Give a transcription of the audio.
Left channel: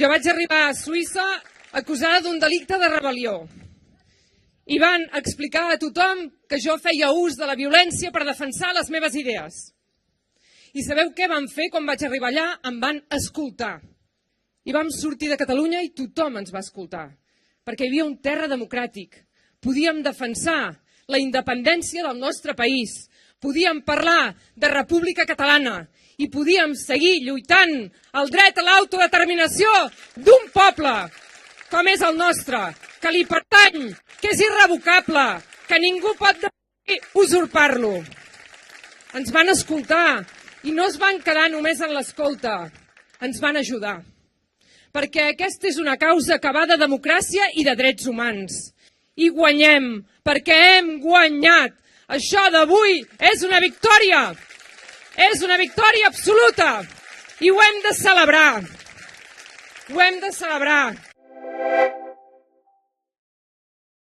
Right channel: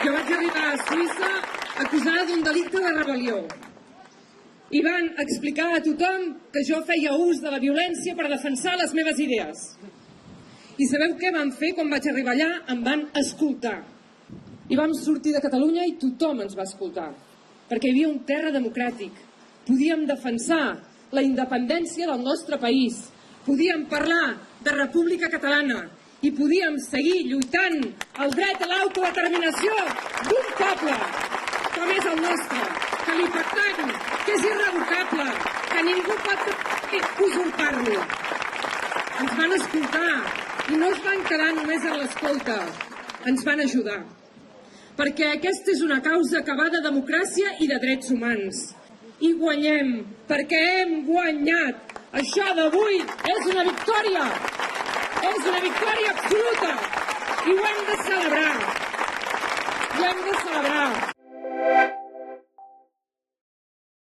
Jo vaig arribar a Suïssa acusada d'un delicte de rebel·lió. I van explicar a tothom que jo feia ús de la violència per defensar les meves idees. I sabeu què van fer quan vaig arribar allà? Em van escoltar. I vam sortir de Catalunya i tothom ens va escoltar. Perquè hi havia un terra democràtic. Podíem defensar la independència del nostre país. Podíem parlar de República Catalana i podíem seguir lluitant el dret a l'autodeterminació d'un poble com és el nostre, que li pertany, que és irrevocable, que ningú pot usurpar-lo. Ens van escoltar i no es van quedar només en l'escolta, ens van ajudar. Perquè aquesta és una causa que va de democràcia i de drets humans. I guanyem, perquè hem guanyat. Això d'avui és una victòria. És una victòria absoluta. I ho hem de celebrar. Ho hem de celebrar.